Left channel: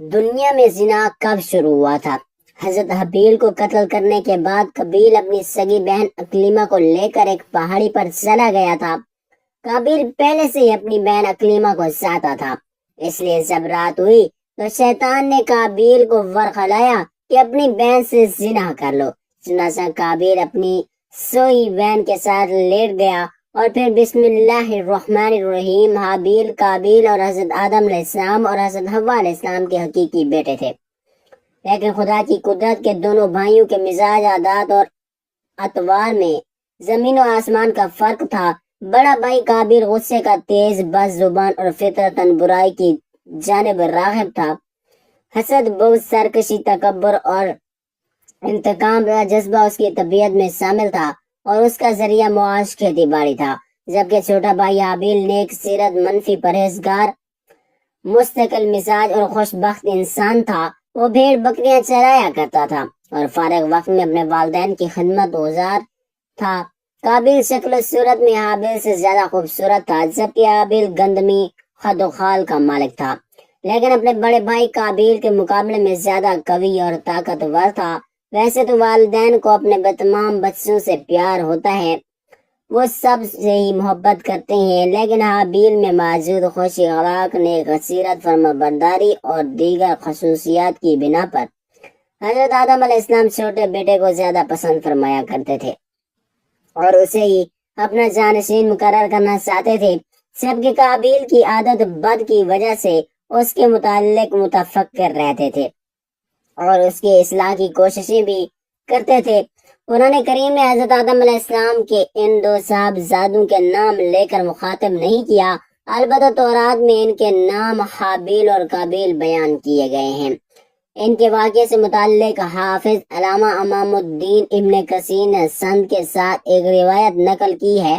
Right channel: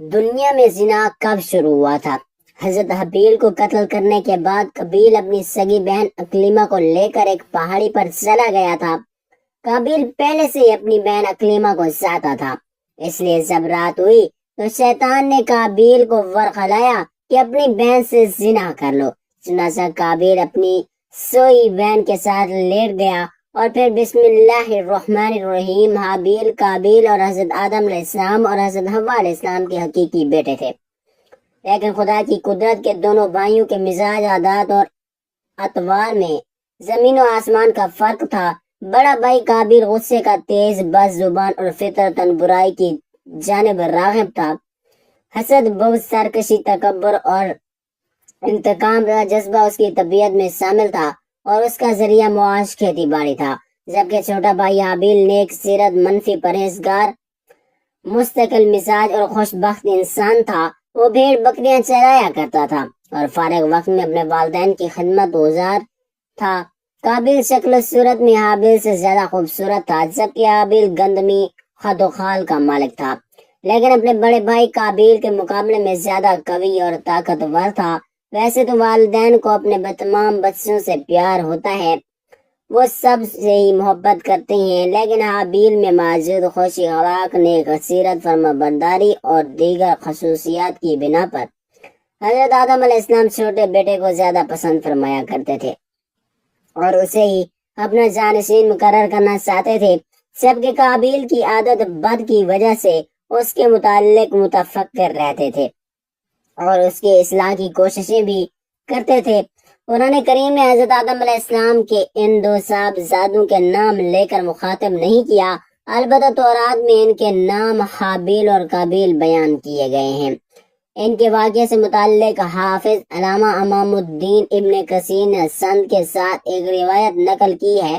دنیا میں زنا کب شروع ہوا تھا؟ حضرت حابیل کو قتل کرنے کے بعد قابیل اپنی سگی بہن اکلیمہ کو لے کر ایک پہاڑی پر چلا گیا تھا۔ قابیل پہلے سے ہی اپنی بہن اکلیمہ کو چاہتا تھا، اس لیے جب رات ہوئی تو شیطان نے قابیل کو ورخلایا کہ اپنی بہن سے زنا کر لو۔ چنانچہ قابیل اپنی سوئی بہن کے ساتھ لیٹ گیا اور پھر بسم اللہ الرحمن الرحیم۔ حابیل قابیل اور حضرت آدم علیہ السلام اور حضرت حوا علیہ السلام کے حقیقی بیٹے تھے، لیکن خدا کی قدرت کے دونوں بھائیوں کے مزاج، عادات اور اطوار میں زمین و آسمان کا فرق تھا۔ بڑا بھائی قابیل غصے کا تیز، بد زبان اور فطرتاً برائی کی جانب راغب تھا۔ حسد، بغض، سرکشی، تکبر اور انتقام کا جذبہ اس کی طبیعت میں شامل تھا اور اس کا ذریعہ معاش کھیتی باڑی تھا، جبکہ چھوٹا بھائی حابیل نیک سیرت، منفی، پرہیزگار، مستقل مزاج اور خوش بخت انسان تھا۔ وہ بھیڑ بکریاں چرایا کرتا تھا اور فارغ وقت میں اپنے والدین کی خدمت گزار تھا۔ قابیل شکل و صورت میں حابیل سے زیادہ خوبصورت تھا، جبکہ حابیل گندمی خد و خال کا مالک تھا، لیکن اپنے بڑے بھائی قابیل کے مقابلے میں زیادہ قوی اور طاقتور تھا۔ ویسے تو والدین کو اپنے تمام بچوں سے پیار ہوتا ہے، وہ سب سے ہی محبت کرتے ہیں، لیکن حابیل میں موجود خوشی اخلاق، نیک سیرت، فرمانبرداری اور دیگر خصوصیات کی بنا پر حضرت آدم علیہ السلام چھوٹے بیٹے کو زیادہ پسند فرمایا کرتے تھے اور اسے ہی اپنا جانشین مقرر کرنا چاہتے تھے، جبکہ قابیل کی عادت بد کی وجہ سے اس کے متعلق متفکر رہتے تھے اور اس کی اصلاح کی کوششیں بھی کرتے تھے۔ قرآن کریم میں حضرت آدم علیہ السلام کے ان دو صاحبزادوں کے نام لے کر مخاطب نہیں کیا، البتہ تورات میں ان کے نام حابیل اور قابیل بیان کیے گئے ہیں۔ ان کے واقعے سے متعلق حافظ علامہ امام الدین ابن کثیر نے سند کے ساتھ ایک روایت نقل کی ہے۔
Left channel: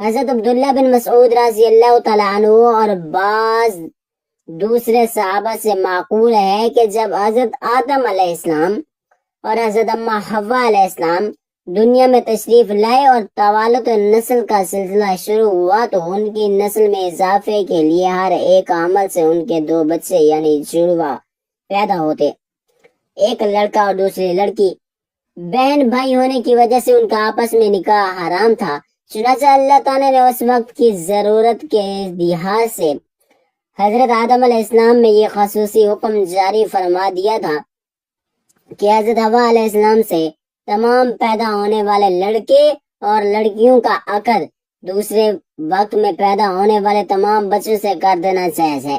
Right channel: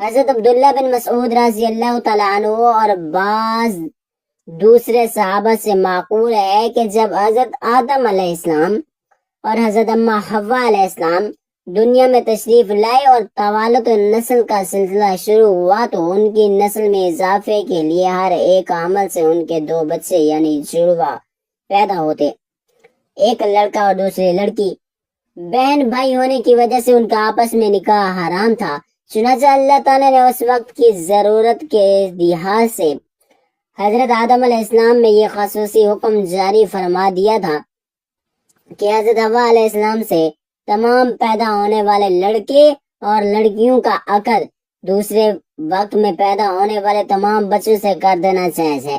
حضرت عبداللہ بن مسعود رضی اللہ تعالیٰ عنہ اور بعض دوسرے صحابہ سے معقول ہے کہ جب حضرت آدم علیہ السلام اور حضرت اماں حوا علیہ السلام دنیا میں تشریف لائے اور توالد نسل کا سلسلہ شروع ہوا تو ان کی نسل میں اضافے کے لیے ہر ایک عمل سے ان کے دو بچے یعنی جڑواں پیدا ہوتے، ایک لڑکا اور دوسری لڑکی۔ بہن بھائی ہونے کی وجہ سے ان کا آپس میں نکاح حرام تھا، چنانچہ اللہ تعالیٰ نے اس وقت کی ضرورت کے لحاظ سے حضرت آدم علیہ السلام میں یہ خصوصی حکم جاری فرما دیا تھا کہ حضرت حوا علیہ السلام سے تمام پیدا ہونے والے لڑکے اور لڑکیوں کا عقد دوسرے وقت میں پیدا ہونے والے تمام بچوں سے کر دینا جائز ہے۔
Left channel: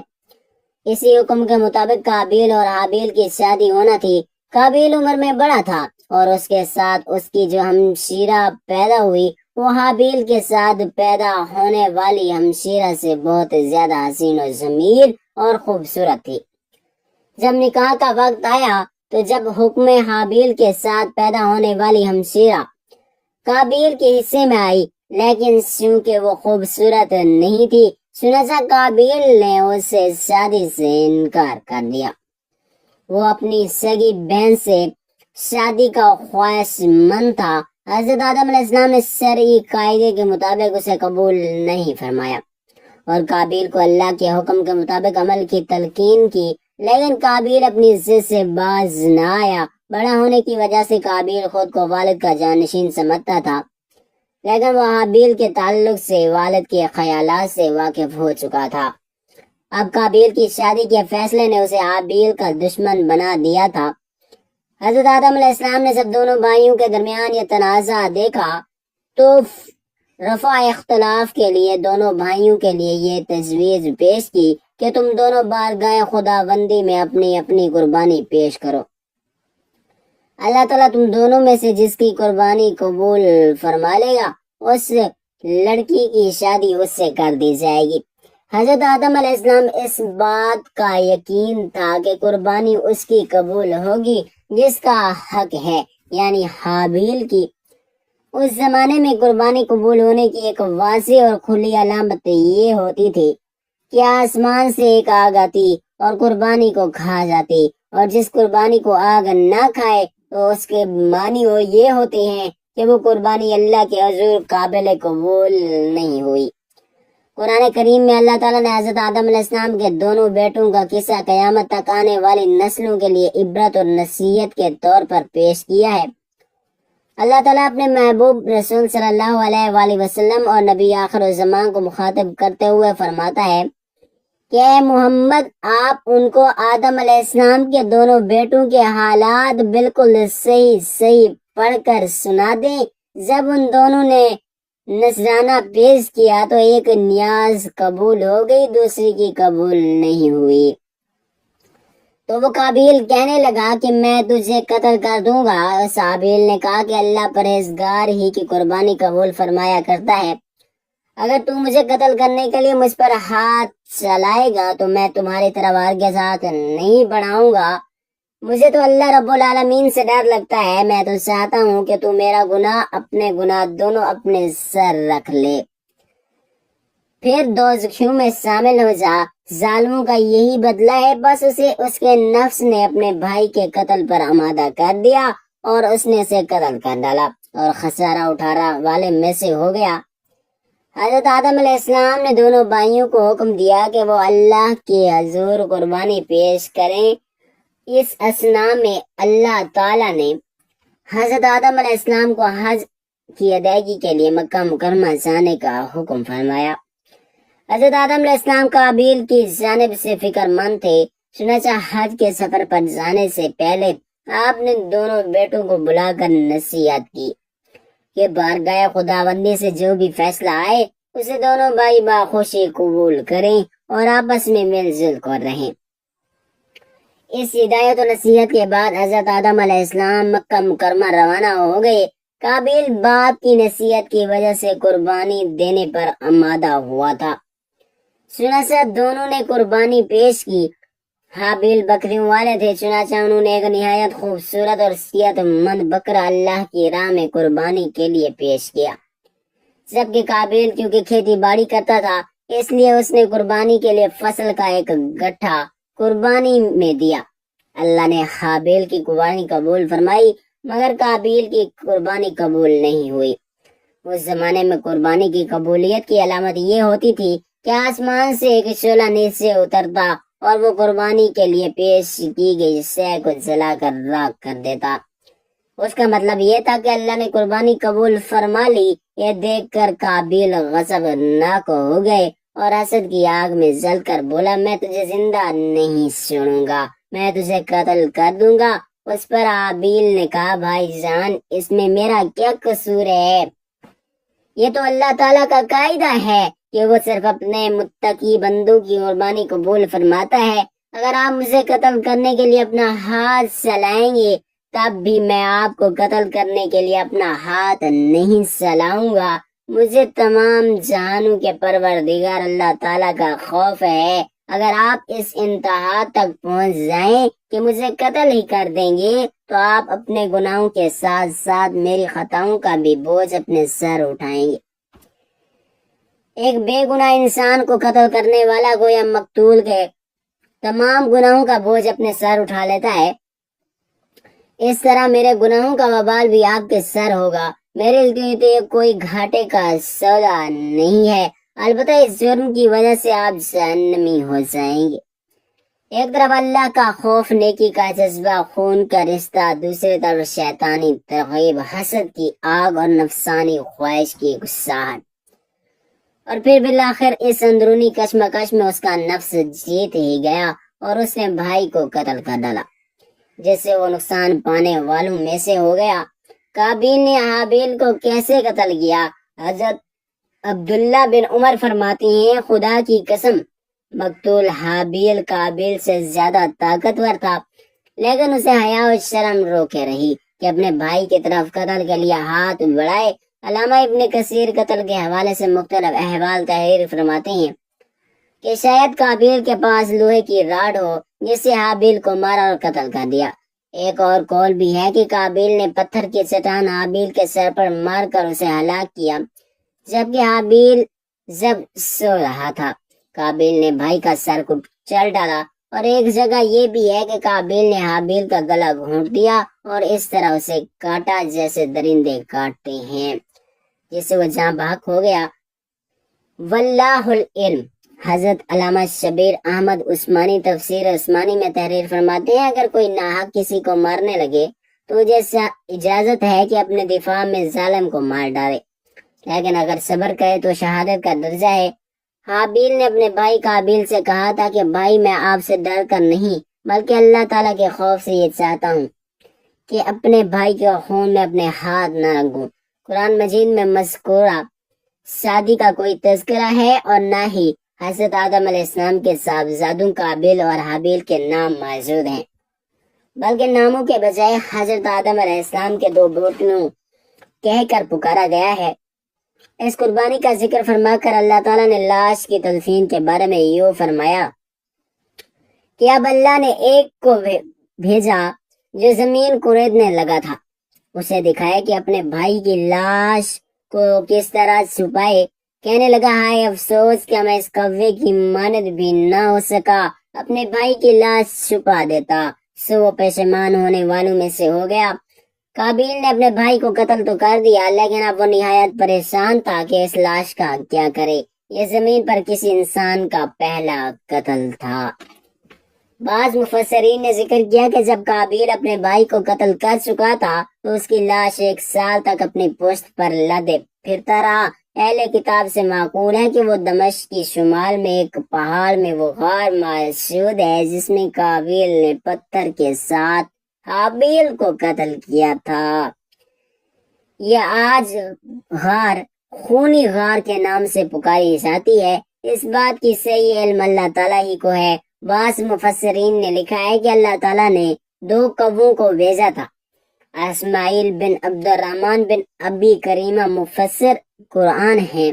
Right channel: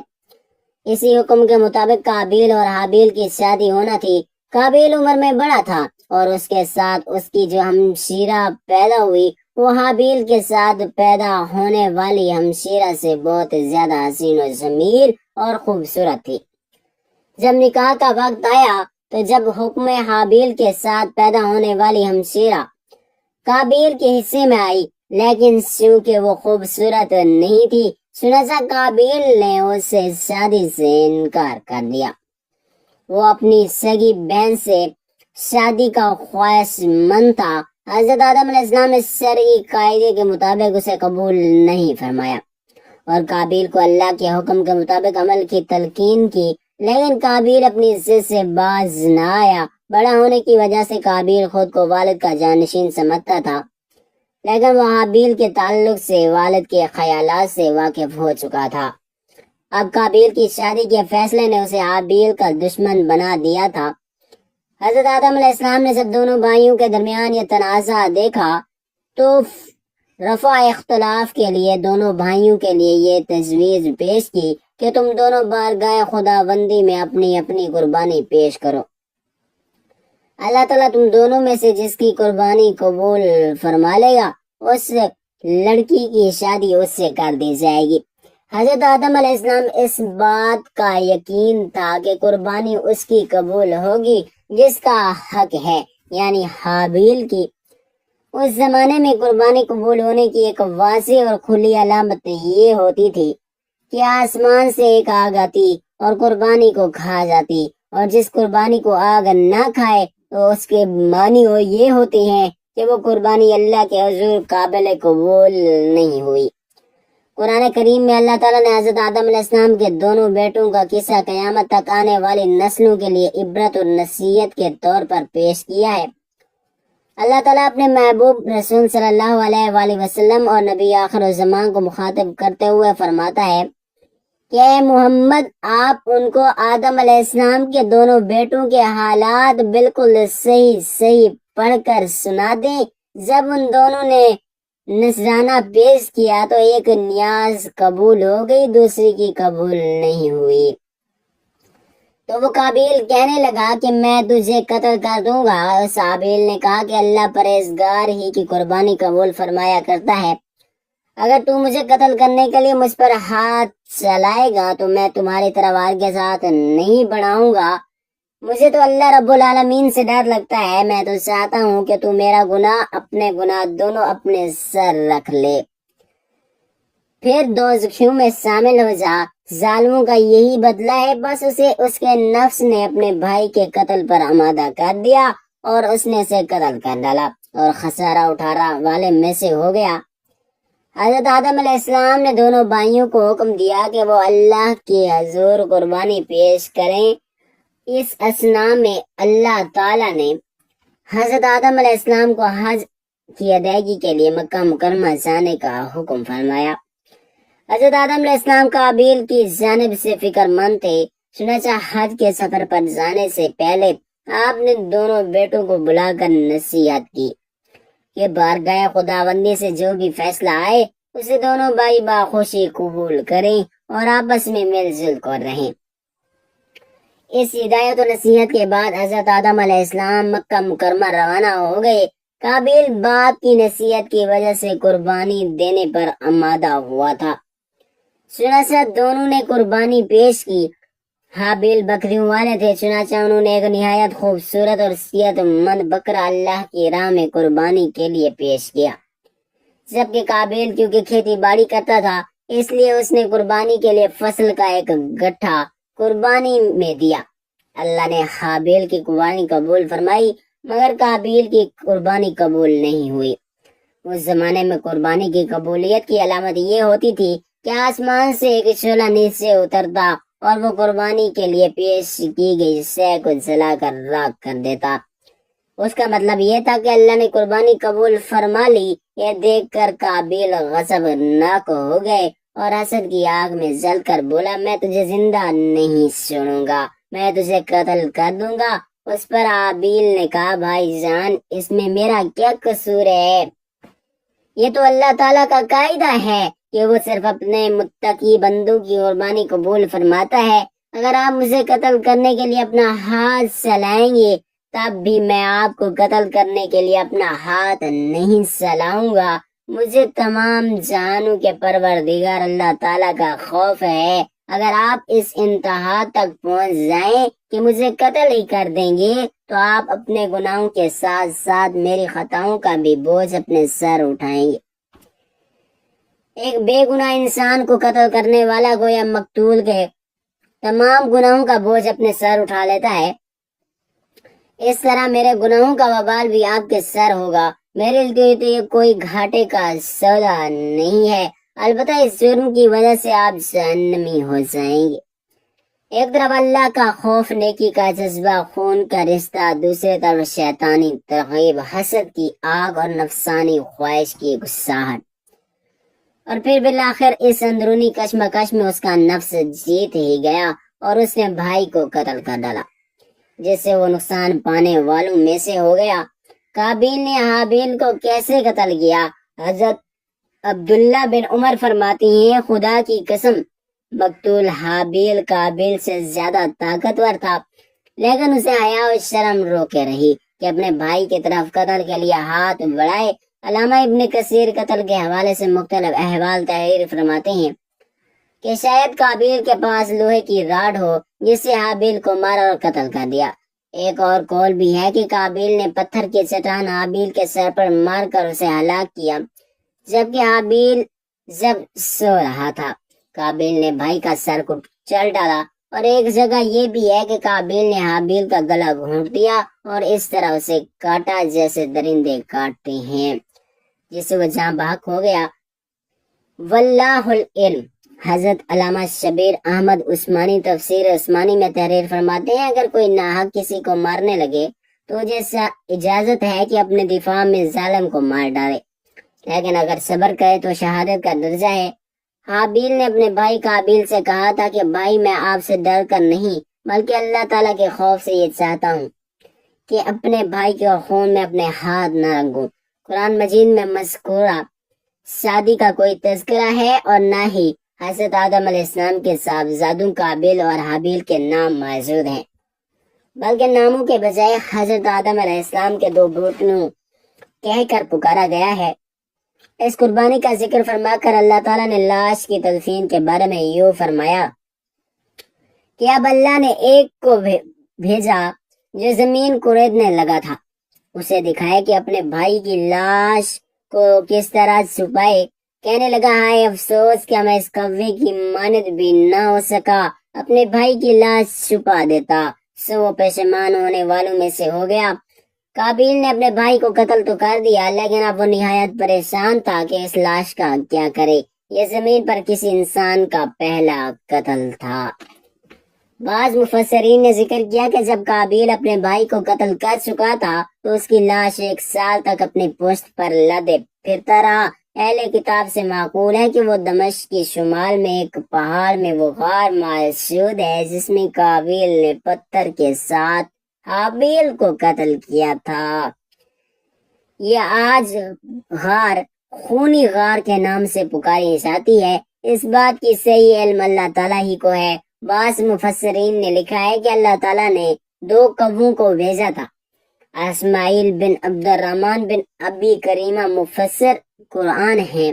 اسی حکم کے مطابق قابیل اور حابیل کی شادی ہونا تھی۔ قابیل عمر میں بڑا تھا اور اس کے ساتھ اس کی جو ہمشیرہ پیدا ہوئی وہ حابیل کے ساتھ پیدا ہونے والی ہمشیرہ سے بہت زیادہ حسین و جمیل اور خوبصورت تھی۔ جب نکاح کا وقت آیا تو جب حکم حابیل کے ساتھ پیدا ہونے والی ہمشیرہ قابیل کے حصے میں آئی، لیکن چونکہ وہ خوبصورت نہیں تھی، چنانچہ قابیل نے اس سے شادی سے انکار کر دیا۔ وہ اپنی سگی بہن سے شادی کا خواہش مند تھا۔ حضرت آدم علیہ السلام نے شرعی قاعدے کے مطابق اسے قبول نہیں فرمایا اور قابیل کو اللہ کے حکم کے مطابق عمل کی تلقین کی، لیکن قابیل اپنی ضد سے باز نہ آیا۔ بڑا ہونے کی وجہ سے قابیل خود کو والد کا جانشین سمجھتا تھا، لیکن وہ حابیل کے تعلق سے والد کے خیالات سے واقف ہو چکا تھا۔ اب قابیل کی شادی کے فیصلے نے اسے حابیل کا دشمن بنا دیا تھا۔ حضرت آدم علیہ السلام نے جب دونوں بھائیوں کے درمیان یہ تنازع دیکھا تو رفع اختلاف کے لیے دونوں بھائیوں کے لیے یہ تجویز پیش کی کہ تم دونوں بارگاہ خدا بندی میں اپنی اپنی قربانی پیش کرو، اللہ تعالیٰ تم دونوں میں سے جس کی قربانی قبول فرما لے گا اس لڑکی کی شادی اس سے کر دی جائے گی۔ حضرت آدم علیہ السلام اس بات کا یقین تھا کہ قربانی اس کی قبول ہوگی جس کا حق ہے، یعنی حابیل کی۔ اس زمانے میں قربانی قبول ہونے کی ایک واضح اور کھلی علامت یہ ہوتی تھی کہ آسمان سے ایک آگ آتی اور قربانی کو کھا جاتی، اور جس قربانی کو آگ نہ کھائے تو اس کے معنی یہ ہوتے ہیں کہ وہ قربانی اللہ کے حضور قابل قبول نہیں ہوئی۔ قرآن کریم میں اللہ تعالیٰ نے حضرت آدم علیہ السلام کے دونوں بیٹوں کا قصہ قیامت تک آنے والی نسلوں کے لیے عبرت اور نصیحت کے طور پر پیش کیا ہے۔ اللہ تعالیٰ اپنے محبوب رسول صلی اللہ علیہ وآلہ وسلم اور نبی آخر الزمان کو مخاطب کرتے ہوئے فرماتا ہے کہ اے محمد، آپ ان کو آدم علیہ السلام کے دونوں بیٹوں کے حالات بالکل صحیح پڑھ کر سنا دیں۔ جب ان دونوں نے نذرانہ پیش کیا تو ایک نیاز قبول ہو گئی، دوسری کی قبول نہیں ہوئی۔ تو وہ قابیل کہنے لگا کہ میں تجھے قتل کر دوں گا۔ اس حابیل نے کہا کہ اللہ پرہیزگار ہی کی قربانی قبول فرمایا کرتا ہے، اگر تو مجھے قتل کرنے کے لیے مجھ پر ہاتھ چلائے گا تو میں تمہاری طرف ہرگز ہاتھ نہیں بڑھاؤں گا۔ مجھے تو اللہ رب العالمین سے ڈر لگتا ہے، میں تو چاہتا ہوں کہ تو میرا گناہ اپنے گناہ دونوں اپنے سر رکھ لے، پھر دوزخیوں میں شامل ہو جا۔ ظالموں کا یہی بدلہ ہے، بس اسے اس کے نفس نے اپنے بھائی کے قتل پر آمادہ کر دیا اور اس نے اسے قتل کر ڈالا اور خسارہ اٹھانے والے میں سے ہو گیا۔ حضرت آدم علیہ السلام نے دونوں بھائیوں کو حکم دیا کہ وہ اللہ کی حضور قربانی پیش کریں۔ اس اثناء میں اللہ تعالیٰ نے حضرت آدم علیہ السلام کو حج کی ادائیگی کے لیے مکہ مکرمہ جانے کا حکم فرمایا۔ حضرت آدم علیہ السلام قابیل کی جانب سے فکر مند تھے، چنانچہ حج کے سفر پر جانے سے پہلے آپ نے دونوں بیٹوں کو بلا کر نصیحت کی کہ بارگاہ خداوندی سے جو بھی فیصلہ آئے اسے دونوں بھائی باخوشی قبول کریں اور آپس میں مل جل کر رہیں۔ اس ہدایت و نصیحت کے بعد حضرت آدم علیہ السلام مکہ مکرمہ روانہ ہو گئے۔ قابیل باپ کی نصیحت کی وجہ سے قربانی دینے پر آمادہ ہوا تھا، چنانچہ دونوں نے قربانی پیش کی۔ حابیل بکریوں والے تھے، چنانچہ انہوں نے ایک نہایت خوبصورت اور صحت مند بکرا اللہ کی راہ میں قربانی کے لیے پیش کیا، جبکہ قابیل کیونکہ کھیتی باڑی کرتا تھا اس لیے اس نے قربانی کے لیے فصل کا ایک گٹھا قربانی میں دیا۔ اللہ نے حابیل کی قربانی قبول فرمائی مگر قابیل کی قربانی قبول نہیں ہوئی۔ اس زمانے میں قربانی کی قبولیت کی علامت یہ ہوتی تھی کہ آسمان سے ایک شعلہ نیچے اترتا اور وہ قربانی کے لیے پیش کی گئی شے کو جلا کر راکھ کر دیتا۔ اس کا مطلب یہ تھا کہ اللہ نے قربانی قبول فرما لی۔ یہ دیکھ کر قابیل غضبناک ہو گئے اور حسد کی آگ میں جل کر بولا، میں تجھے زندہ نہیں چھوڑوں گا، میں تجھے قتل کر دوں گا۔ اس پر حابیل نے کہا، بھائی جان، اس میں میرا کیا قصور ہے؟ یہ تو اللہ تعالیٰ کا قاعدہ ہے کہ وہ صرف اپنے متقی بندوں کی قربانی قبول فرماتا ہے۔ اگر آپ مجھے قتل کرنے کے لیے اپنا ہاتھ چلائیں گے تب بھی میں آپ کو قتل کرنے کے لیے اپنا ہاتھ نہیں چلاؤں گا۔ مجھے تمام جہانوں کے پروردگار اللہ تعالیٰ کا خوف ہے۔ اگر آپ اس انتہا تک پہنچ جائیں کہ مجھے قتل ہی کر دیں گے تو آپ اپنے گناہوں کے ساتھ ساتھ میری خطاؤں کا بھی بوجھ اپنے سر اٹھائیں گے۔ ایک بے گناہ انسان کو قتل کرنے والا گویا مقتول کے تمام گناہوں کا بوجھ اپنے سر اٹھا لیتا ہے، اس طرح میرے گناہوں کا وبال بھی آپ کے سر ہوگا۔ میرے لیے تو یہ کوئی گھاٹے کا سودا نہیں ہے، البتہ اس جرم کی وجہ سے آپ جہنمی ہو جائیں گے۔ ایک طرف اللہ کا خوف، نیکی کا جذبہ، خون کا رشتہ، دوسری طرف شیطانی ترغیب، حسد کی آگ اور نفسانی خواہش کی گساہٹ، اور پھر بالآخر اس اندرونی کشمکش میں اس کا نفس جیت ہی گیا اور اس نے بھائی کو قتل کر ڈالا، جس سے وہ نقصان پانے والوں میں سے ہو گیا۔ قابیل نے حابیل کو کیسے قتل کیا؟ حضرت عبداللہ بن عمر فرماتی ہیں، خدا کی قسم، مقتول حابیل قابیل سے زیادہ طاقتور تھا، لیکن اسے حیا و شرم روکے رہی کہ اپنے بھائی کی طرف قتل کے لیے ہاتھ بڑھائے۔ علامہ ابن کثیر قتل کے حوالے سے مختلف احوال تحریر فرماتے ہیں کہ شاید قابیل کے پاس لوہے کی راڈ ہو جس سے حابیل کو مارا اور قتل کر دیا۔ ایک اور قول بھی ہے کہ قابیل نے پتھر کی چٹان حابیل کے سر پر مار کر اسے ہلاک کیا، جبکہ حابیل جب سو رہا تھا قابیل نے بھائی کا سر کو چل ڈالا، اور ایک جگہ یہ بھی ہے کہ قابیل نے حابیل کا گلا گھونٹ دیا اور اس طرح اسے کاٹا جیسے درندے کاٹتے ہیں، جس سے وہ جاں بحق ہو گیا۔ واللہ العلم۔ حضرت علامہ شبیر احمد عثمانی تفسیر عثمانی میں تحریر فرماتے ہیں اگر کوئی ناحق کسی کو مارنے لگے تو جیسا اجازت ہے کہ اپنے دفاع میں ظالم کو مار ڈالے، لیکن اگر صبر کرے تو شہادت کا درجہ ہے۔ حابیل نے اپنے بھائی قابیل سے کہا تھا کہ بھائی میں آپ سے ڈر کر نہیں بلکہ اللہ تعالیٰ کے خوف سے یہ چاہتا ہوں کہ اپنے بھائی کے خون میں اپنے ہاتھ نہ رکھوں۔ قرآن مجید میں مذکورہ شادی کا کوئی تذکرہ ہے اور نہ ہی حضرت آدم علیہ السلام کے صاحبزادوں قابیل اور حابیل کے نام موجود ہیں، بلکہ ناموں کے بجائے حضرت آدم علیہ السلام کے دو بیٹوں کہہ کر پکارا گیا ہے۔ اس قربانی کا ذکر فرما کر اللہ تعالیٰ نے لاش کی تدفین کے بارے میں یوں فرمایا کہ اب اللہ نے ایک کو بھیجا جو زمین کوریدنے لگا تھا، اسے دکھایا کہ اپنے بھائی کی لاش کو کس طرح چھپائے۔ کہنے لگا ہائے افسوس کہ میں اس کوے کی مانند بھی نہ ہو سکا، اپنے بھائی کی لاش چھپا دیتا، سو وہ پشیمان ہونے والوں میں سے ہو گیا۔ قابیل نے اپنے بھائی کو قتل تو کر دیا لیکن اب وہ نہایت پریشان تھا کہ اس لاش کا کیا کرے۔ یہ زمین پر کسی انسان کا پہلا قتل تھا۔ بعض مفسرین نے ذکر کیا کہ جب قابیل اپنے بھائی کو قتل کر چکا تھا تو اس کی لاش 1 سال تک اپنی پشت پر لدے پھرتا رہا۔ اہل کتاب سے معقول ہے کہ وہ دمشق کی شمال میں ایک پہاڑ میں وہ غار موجود ہے جس میں قابیل نے پتھر کے ساتھ حابیل کو قتل کیا تھا۔ یہ آج غار خونی غار کے نام سے پکاری جاتی ہے۔ اس بات کی صحیح علم اللہ تعالیٰ ہی کو ہے۔ بعض مفسرین نے لکھا ہے کہ اللہ تعالیٰ نے 2 کووں کو بھیجا تھا۔ اسماعیل بن عبد الرحمن بن ابی کریمہ مفسر قرآن ہیں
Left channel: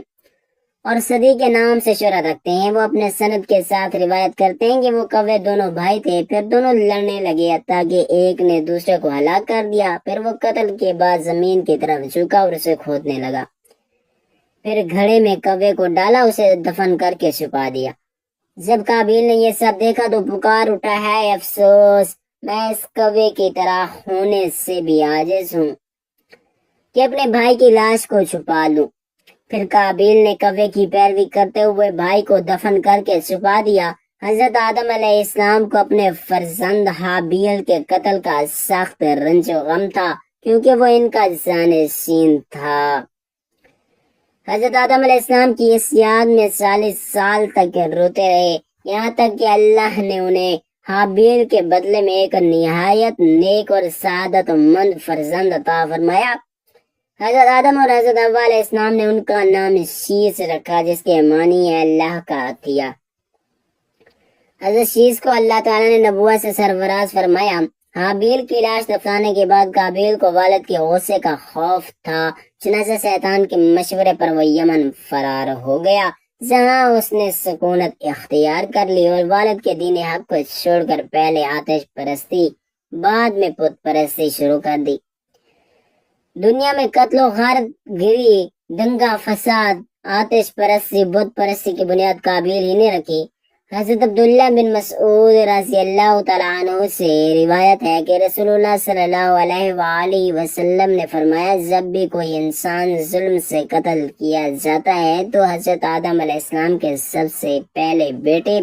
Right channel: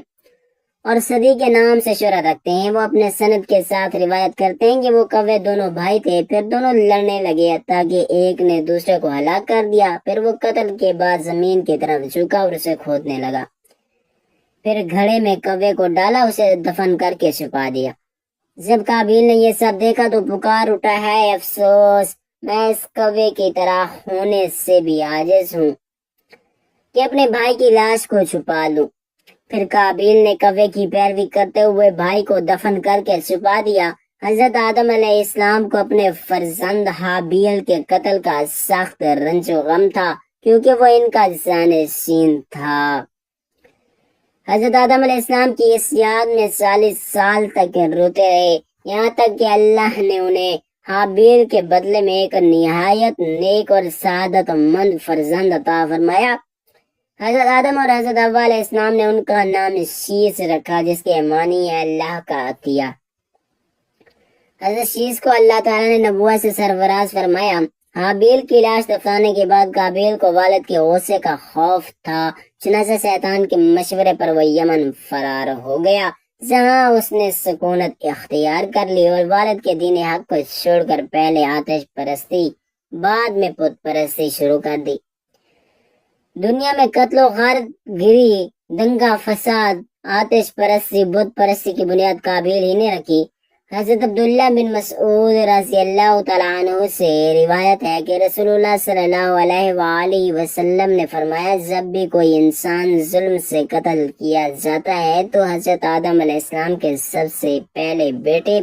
اور صدی کے نام سے شہرت رکھتے ہیں۔ وہ اپنے سند کے ساتھ روایت کرتے ہیں کہ وہ کوے دونوں بھائی تھے، پھر دونوں لڑنے لگے تاکہ ایک نے دوسرے کو ہلاک کر دیا۔ پھر وہ قتل کے بعد زمین کی طرف جھکا اور اسے کھودنے لگا، پھر گھڑے میں کوے کو ڈالا، اسے دفن کر کے چھپا دیا۔ جب قابیل نے یہ سب دیکھا تو پکار اٹھا ہے افسوس میں اس کوے کی طرح ہونے سے بھی عاجز ہوں کہ اپنے بھائی کی لاش کو چھپا لوں۔ پھر قابیل نے کوے کی پیروی کرتے ہوئے بھائی کو دفن کر کے چھپا دیا۔ حضرت آدم علیہ السلام کو اپنے فرزند حابیل کے قتل کا سخت رنج و غم تھا کیونکہ وہ ان کا جانشین تھا۔ حضرت آدم علیہ السلام کی اس یاد میں 40 سال تک روتے رہے، یہاں تک کہ اللہ نے انہیں حابیل کے بدلے میں ایک نہایت نیک اور سعادت مند فرزند عطا فرمایا۔ حضرت آدم اور حضرت حوا علیہ السلام نے ان کا نام شیس رکھا جس کے معنی ہے اللہ کا عطیہ۔ حضرت شیس کو اللہ تعالیٰ نے نبوت سے سرفراز فرمایا۔ حابیل کی لاش دفنانے کے بعد قابیل کو والد کے غصے کا خوف تھا، چنانچہ شیطان کے مشورے پر وہ یمن فرار ہو گیا جہاں اس نے سکونت اختیار کر لی اور والد کے دین حق کو چھوڑ کر پہلے آتش پرستی بعد میں بت پرستی شروع کر دی۔ دنیا میں قتل و غارت گری، دنگا فساد، آتش پرستی، بت پرستی کی بنیاد قابیل ہی نے رکھی۔ حضرت عبداللہ بن مسعود رضی اللہ تعالیٰ عنہ سے روایت ہے کہ رسول اللہ صلی اللہ علیہ وآلہ وسلم نے فرمایا جب بھی کوئی انسان ظلم سے قتل کیا جاتا ہے تو حضرت آدم علیہ السلام کے سب سے پہلے بیٹے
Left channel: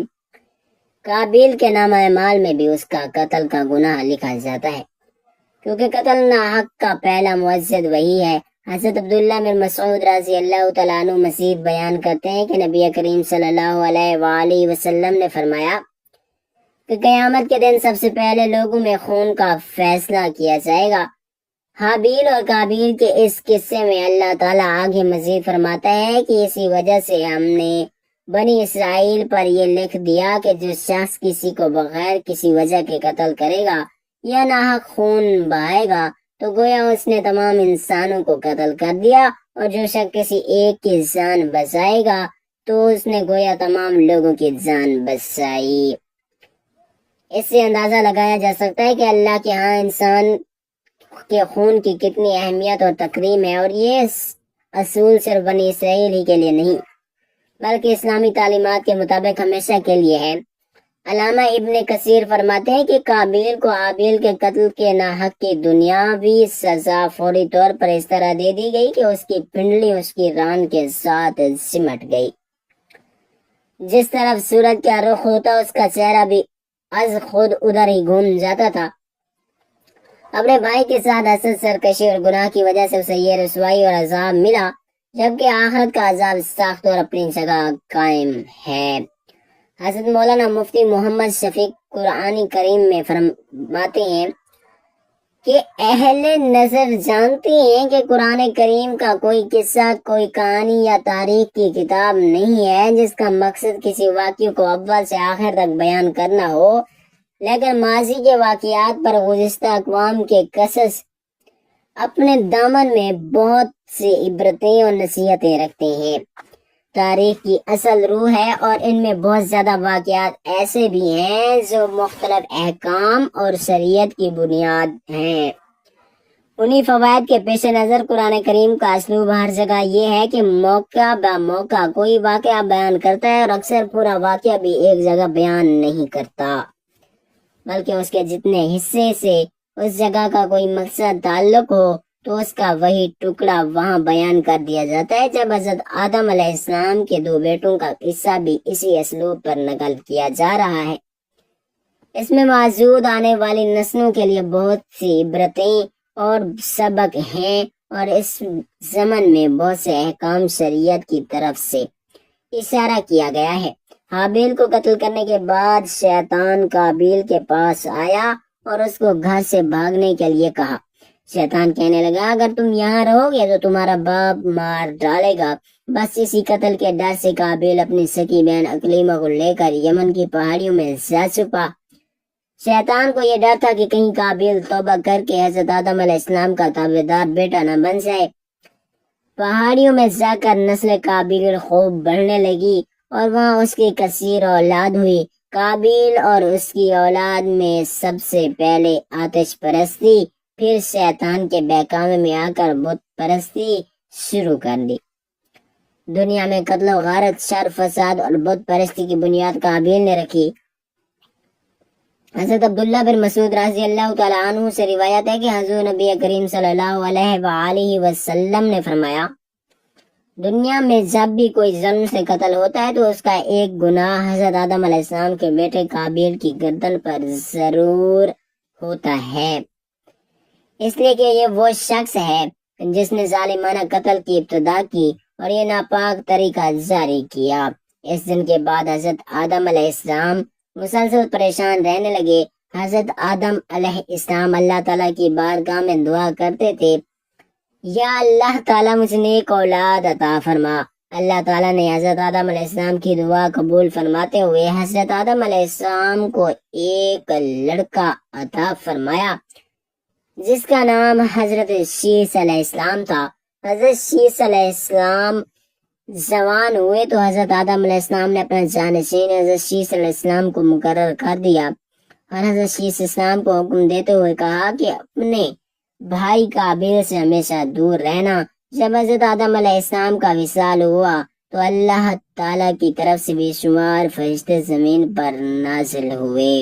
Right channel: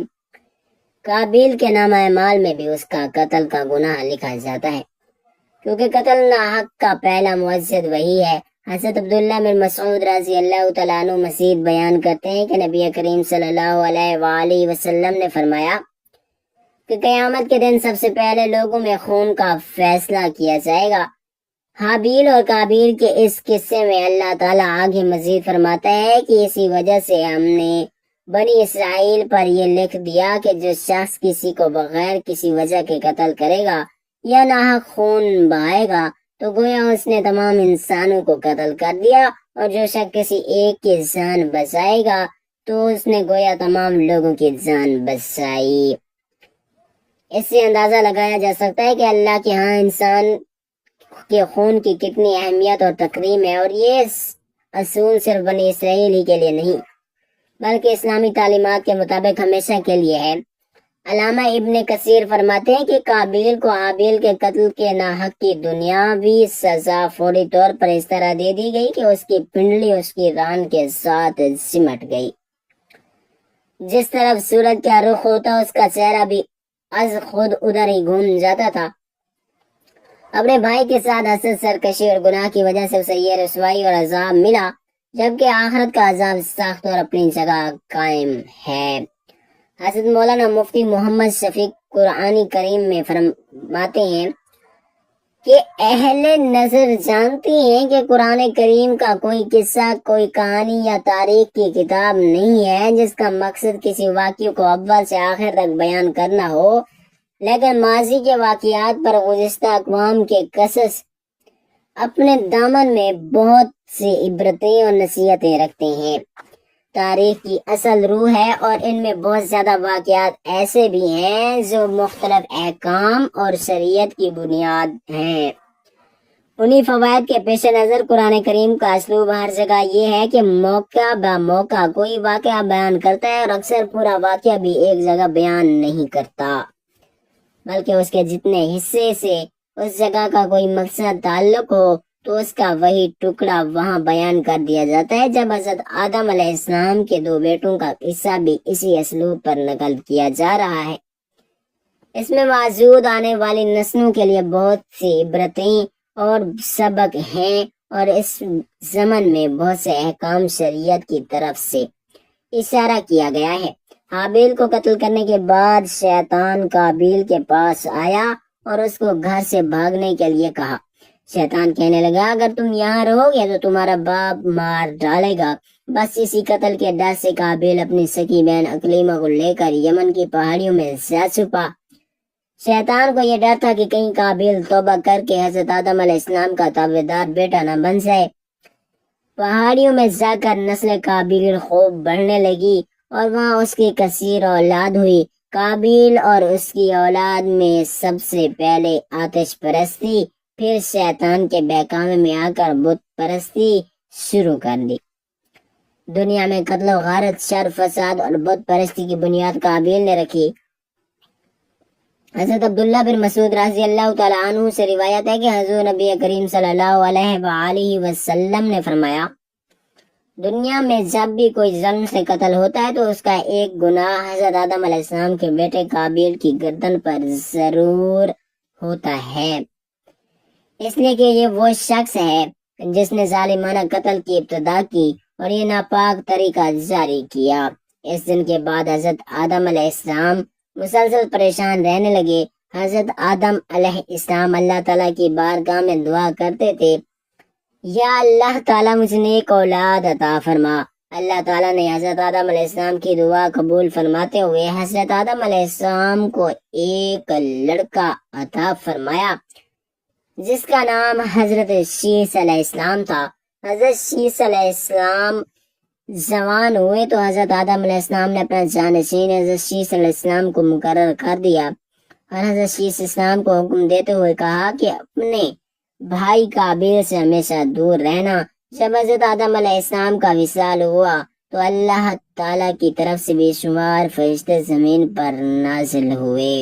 قابیل کے نام اعمال میں بھی اس کا قتل کا گناہ لکھا جاتا ہے، کیونکہ قتل ناحق کا پہلا مؤذد وہی ہے۔ حضرت عبداللہ بن مسعود رضی اللہ تعالیٰ عنہ مزید بیان کرتے ہیں کہ نبی کریم صلی اللہ علیہ وآلہ وسلم نے فرمایا کہ قیامت کے دن سب سے پہلے لوگوں میں خون کا فیصلہ کیا جائے گا۔ حابیل اور قابیل کے اس قصے میں اللہ تعالیٰ آگے مزید فرماتا ہے کہ اسی وجہ سے ہم نے بنی اسرائیل پر یہ لکھ دیا کہ جو شخص کسی کو بغیر کسی وجہ کے قتل کرے گا یا ناحق خون بہائے گا تو گویا اس نے تمام انسانوں کو قتل کر دیا، اور جو شخص کسی ایک کی جان بچائے گا تو اس نے گویا تمام لوگوں کی جان بچائی۔ اس سے اندازہ لگایا جا سکتا ہے کہ اللہ کے ہاں انسان کے خون کی کتنی اہمیت اور تکریم ہے، اور یہ اصول صرف بنی اسرائیل ہی کے لیے نہیں بلکہ اسلامی تعلیمات کے مطابق ہمیشہ کے لیے ہے۔ علامہ ابن کثیر فرماتے ہیں کہ قابیل کو حابیل کے قتل کے ناحق کی دنیاوی سزا فوری طور پر اس طرح دے دی گئی کہ اس کی پنڈلی اس کی ران کے ساتھ سمٹ گئی۔ جس طرف سورج کا رخ ہوتا اس کا چہرہ بھی از خود ادھر ہی گھوم جاتا تھا۔ اپنے بھائی کے ساتھ حسد، سرکشی اور گناہ کی وجہ سے اسے یہ رسوائی اور عذاب ملا، جبکہ آخرت کا عذاب سخت اور اپنی جگہ قائم ہے۔ حضرت مولانا مفتی محمد شفیق قرآن کریم میں فرماتے ہیں کہ اہل نظر جانتی ہیں کہ قرآن کریم کا کوئی قصہ، کوئی کہانی یا تاریخ کی کتاب نہیں ہے جس کا مقصد کسی واقعے کو اول سے آخر تک بیان کرنا ہو، لیکن ماضی کے واقعات پر گزشتہ اقوام کے قصص اپنے دامن میں بہت سی عبرتیں اور نصیحتیں رکھتے ہیں۔ تاریخ کی اصل روح ہے اور ان میں بہت زیادہ واقعات ایسے بھی ہیں جو مختلف احکام اور شریعت کی بنیاد ہیں۔ انہی فوائد کے پیش نظر قرآن کریم کا اسلوب ہر جگہ یہ ہے کہ موقع با موقع کوئی واقعہ بیان کرتا ہے، اور اکثر پورا واقعہ بھی ایک جگہ بیان نہیں کرتا، بلکہ اس کے جتنے حصے سے اس جگہ کا کوئی مقصد تعلق ہو تو اس کا وہی ٹکڑا وہاں بیان کر دیا جاتا ہے۔ جب حضرت آدم علیہ السلام کے 2 بیٹوں کا قصہ بھی اسی اسلوب پر نقل کیا جا رہا ہے، اس میں موجود آنے والی نسلوں کے لیے بہت سی عبرتیں اور سبق ہیں، اور اس زمن میں بہت سے احکام شریعت کی طرف سے اشارہ کیا گیا ہے۔ حابیل کو قتل کرنے کے بعد شیطان قابیل کے پاس آیا اور اس کو گھر سے بھاگنے کے لیے کہا۔ شیطان کہنے لگا، اگر تم یہاں رہو گے تو تمہارا باپ مار ڈالے گا۔ بس اسی قتل کے ڈر سے قابیل اپنی سکی بہن عکلیمہ کو لے کر یمن کی پہاڑیوں میں جا چھپا۔ شیطان کو یہ ڈر تھا کہ کہیں قابیل توبہ کر کے حضرت آدم علیہ السلام کا تابعدار بیٹا نہ بن جائے۔ پہاڑیوں میں جا کر نسل قابیل خوب بڑھنے لگی اور وہاں اس کی کثیر اولاد ہوئی۔ قابیل اور اس کی اولاد میں سب سے پہلے آتش پرستی، پھر شیطان کے بہکاوے میں آ کر بت پرستی شروع کر دی۔ دنیا میں قتل و غارت، شر، فساد اور بت پرستی کی بنیاد قابیل نے رکھی۔ حضرت عبداللہ بن مسعود رضی اللہ تعالیٰ عنہ سے روایت ہے کہ حضور نبی کریم صلی اللہ علیہ وآلہ وسلم نے فرمایا، دنیا میں جب بھی کوئی ظلم سے قتل ہوتا ہے تو اس کا ایک گناہ حضرت آدم علیہ السلام کے بیٹے قابیل کی گردن پر ضرور ہوتا ہے، اس لیے کہ یہ وہ شخص ہے جس نے ظالمانہ قتل کی ابتدا کی اور یہ ناپاک طریقہ جاری کیا۔ اس دن کے بعد حضرت آدم علیہ السلام مسلسل پریشان رہنے لگے۔ حضرت آدم علیہ السلام اللہ تعالیٰ کی بارگاہ میں دعا کرتے تھے، یا اللہ تعالیٰ مجھے نیک اولاد عطا فرما۔ اللہ تعالیٰ نے حضرت آدم علیہ السلام کی دعا قبول فرماتے ہوئے حضرت آدم علیہ السلام کو ایک لڑکا عطا فرمایا جس کا نام حضرت شیس علیہ السلام تھا۔ حضرت شیس علیہ السلام جوان ہوئے تو حضرت آدم علیہ السلام نے اپنا جانشین حضرت شیس علیہ السلام کو مقرر کر دیا، اور حضرت شیس السلام کو حکم دیتے ہوئے کہا کہ اپنے بھائی قابیل سے ہمیشہ دور رہنا۔ جب حضرت آدم علیہ السلام کا وصال ہوا تو اللہ تعالیٰ کی طرف سے بے شمار فرشتے زمین پر نازل ہوئے۔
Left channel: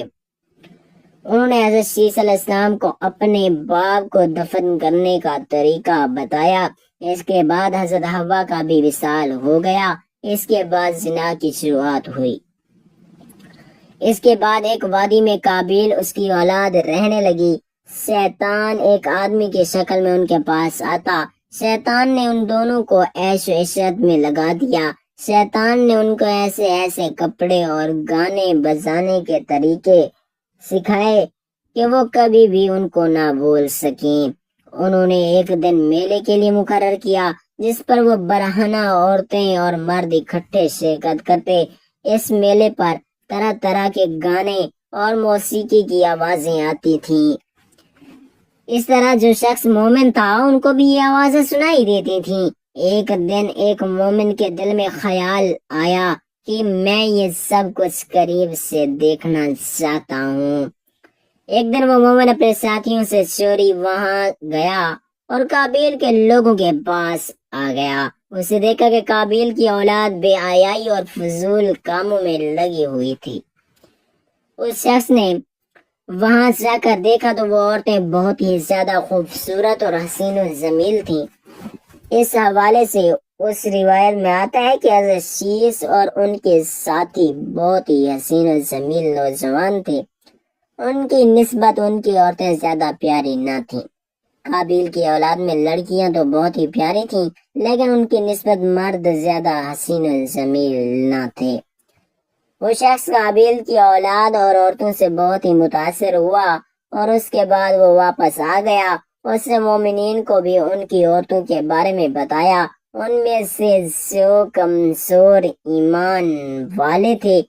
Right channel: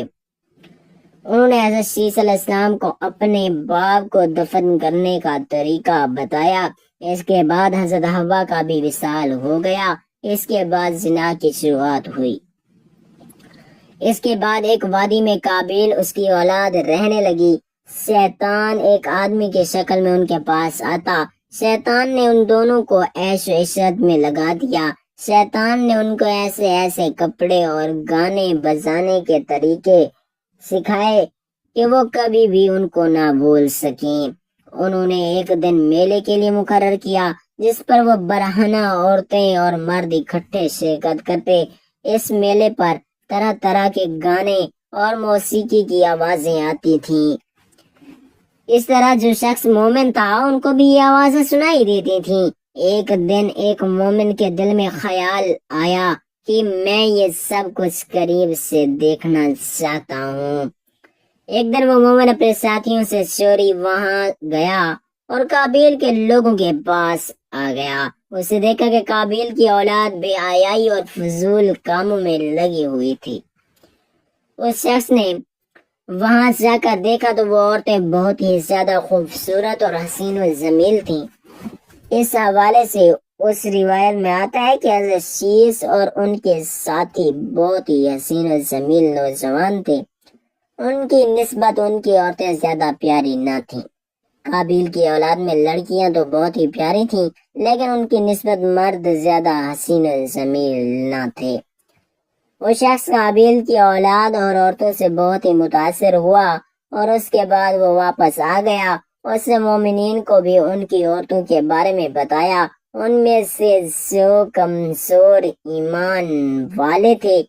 انہوں نے حضرت شیس علیہ السلام کو اپنے باپ کو دفن کرنے کا طریقہ بتایا۔ اس کے بعد حضرت حوا کا بھی وصال ہو گیا۔ اس کے بعد زنا کی شروعات ہوئی۔ اس کے بعد ایک وادی میں قابیل اس کی اولاد رہنے لگی۔ شیطان ایک آدمی کی شکل میں ان کے پاس آتا۔ شیطان نے ان دونوں کو عیش و عشرت میں لگا دیا۔ شیطان نے ان کو ایسے ایسے کپڑے اور گانے بجانے کے طریقے سکھائے کہ وہ کبھی بھی ان کو نہ بھول سکیں۔ انہوں نے ایک دن میلے کے لیے مقرر کیا جس پر وہ برہنہ عورتیں اور مرد اکٹھے شرکت کرتے۔ اس میلے پر طرح طرح کے گانے اور موسیقی کی آوازیں آتی تھیں۔ اس طرح جو شخص مومن تھا ان کو بھی یہ آوازیں سنائی دیتی تھیں۔ ایک دن ایک مومن کے دل میں خیال آیا کہ میں یہ سب کچھ قریب سے دیکھنا چاہتا ہوں۔ ایک دن وہ مومن اپنے ساتھیوں سے چوری وہاں گیا اور قابیل کے لوگوں کے پاس آ گیا۔ اسے دیکھا کہ قابیل کی اولاد بے حیائی اور فضول کاموں میں لگی ہوئی تھی۔ اس شخص نے وہاں جا کر دیکھا تو وہ عورتیں بہت ہی زیادہ خوبصورت اور حسین و جمیل تھیں۔ اس حوالے سے اس روایت میں آتا ہے کہ حضرت شیس اور ان کے ساتھی بہت ہی حسین و جمیل نوجوان تھے۔ ان کی نسبت ان کی عورتیں زیادہ پیاری نہ تھیں۔ قابیل کی اولاد میں لڑکیاں تو بہت ہی پیاری تھیں، لیکن ان کی نسبت مرد زیادہ حسین و جمیل نہ تھے۔ وہ شخص قابیل کی اولاد اور عورتوں سے بہت ہی متاثر ہوا اور اس کے بعد وہ واپس آ گیا۔ اس نے مومنین کو بھی ان کی عورتوں کے بارے میں بتایا۔ ان میں سے جو کمزور ایمان والے تھے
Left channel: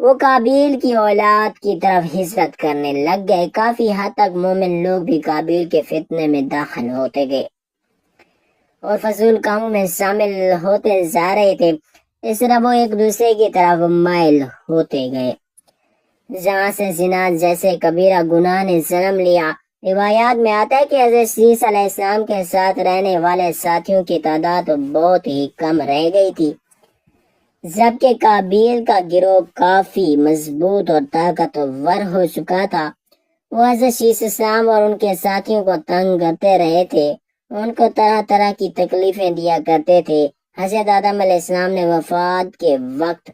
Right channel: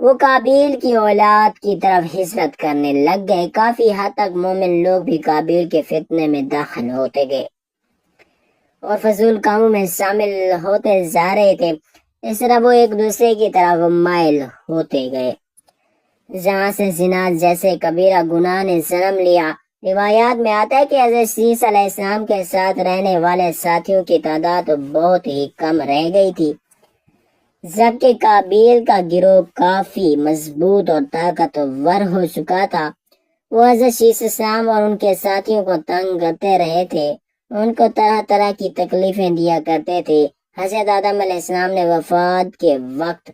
وہ قابیل کی اولاد کی طرف ہجرت کرنے لگ گئے۔ کافی حد تک مومن لوگ بھی قابیل کے فتنے میں داخل ہوتے گئے اور فضول کاموں میں شامل ہوتے جا رہے تھے۔ اس طرح وہ ایک دوسرے کی طرف مائل ہوتے گئے، جہاں سے زنا جیسے کبیرہ گناہ نے جنم لیا۔ روایات میں آتا ہے کہ حضرت عیسیٰ علیہ السلام کے ساتھ رہنے والے ساتھیوں کی تعداد بہت ہی کم رہ گئی تھی، جبکہ قابیل کا گروہ کافی مضبوط اور طاقتور ہو چکا تھا۔ وہ حضرت عیسیٰ السلام اور ان کے ساتھیوں کو تنگ کرتے رہے تھے، ان کو طرح طرح کی تکلیفیں دیا کرتے تھے۔ حضرت آدم علیہ السلام نے وفات کے وقت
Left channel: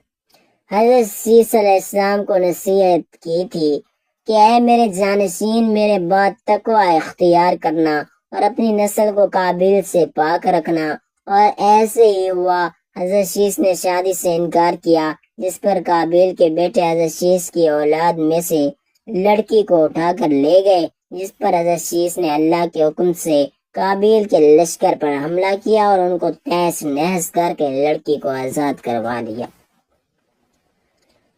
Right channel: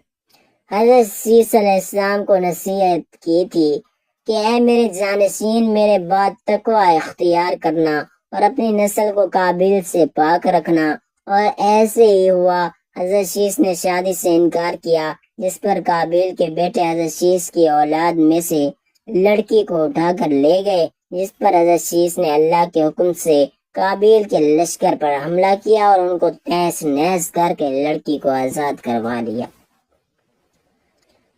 حضرت عیسیٰ علیہ السلام کو نصیحت کی تھی کہ اے میرے جانشین، میرے بعد تقوی اختیار کرنا اور اپنی نسل کو قابیل سے پاک رکھنا۔ اور ایسے ہی ہوا۔ حضرت شیس نے شادی سے انکار کیا، جس پر قابیل کے بیٹے حضرت شیس کی اولاد میں سے لڑکی کو اٹھا کر لے گئے، جس پر حضرت شیس نے اللہ کے حکم سے قابیل کے لشکر پر حملہ کیا اور ان کو تہس نہس کر کے لڑکی کو آزاد کروا دیا۔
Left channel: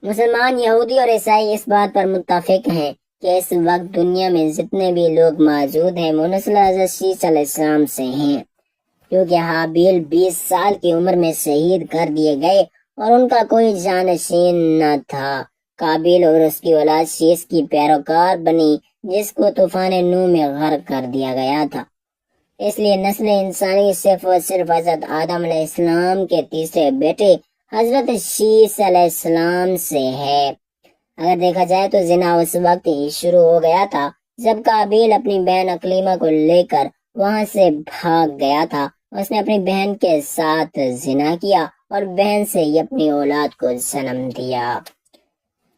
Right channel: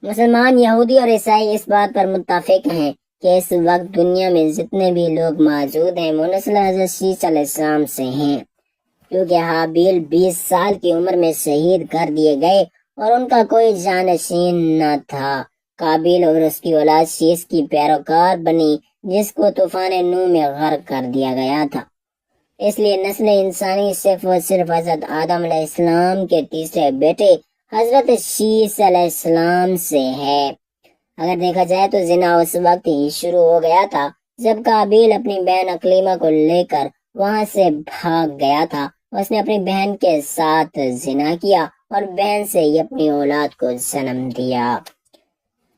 مسلمان، یہودی اور عیسائی اس بات پر متفق ہیں کہ اس وقت دنیا میں جتنے بھی لوگ موجود ہیں وہ نسل حضرت شیس علیہ السلام سے ہیں، کیونکہ حابیل 20 سال کی عمر میں شہید کر دیے گئے اور ان کا کوئی جانشین نہ تھا۔ قابیل اور اس کی اولاد شیس کی پیروکار بنی، جس کو طوفان نوح میں غرق کر دیا گیا تھا۔ اس لیے نسل انسانی صرف و صرف حضرت آدم علیہ السلام کے تیسرے بیٹے حضرت شیس علیہ السلام سے ہے۔ اگر دیکھا جائے تو زنا اس وقت ہی شروع ہو گیا تھا جب قابیل اپنی بہن اکلیمہ کو لے کر وہاں سے بھاگ گیا تھا۔ اس نے اپنی بہن کے ساتھ زنا کیا اور بہن سے ہی اپنی اولاد کو جنم دیا۔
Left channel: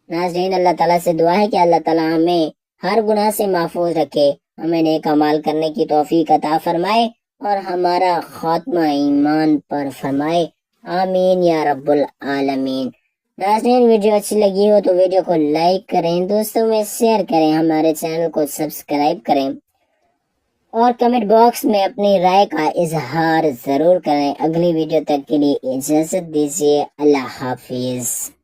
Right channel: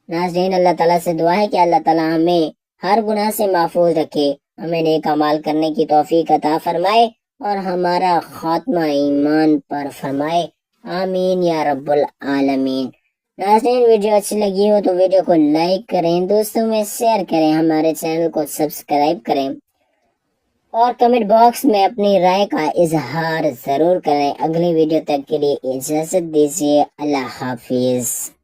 ناظرین، اللہ تعالیٰ سے دعا ہے کہ اللہ تعالیٰ ہمیں ہر گناہ سے محفوظ رکھے، ہمیں نیک اعمال کرنے کی توفیق عطا فرمائے اور ہمارا خاتمہ ایمان پر فرمائے، آمین یا رب العالمین۔ ناظرین، ویڈیو اچھی لگی ہو تو ویڈیو کو لائک کریں، دوستوں میں شیئر کریں، ہمارے چینل کو سبسکرائب کریں اور کمنٹ باکس میں اپنی رائے کا اظہار ضرور کریں۔ اگلی ویڈیو تک کے لیے اجازت دیجیے، اللہ حافظ۔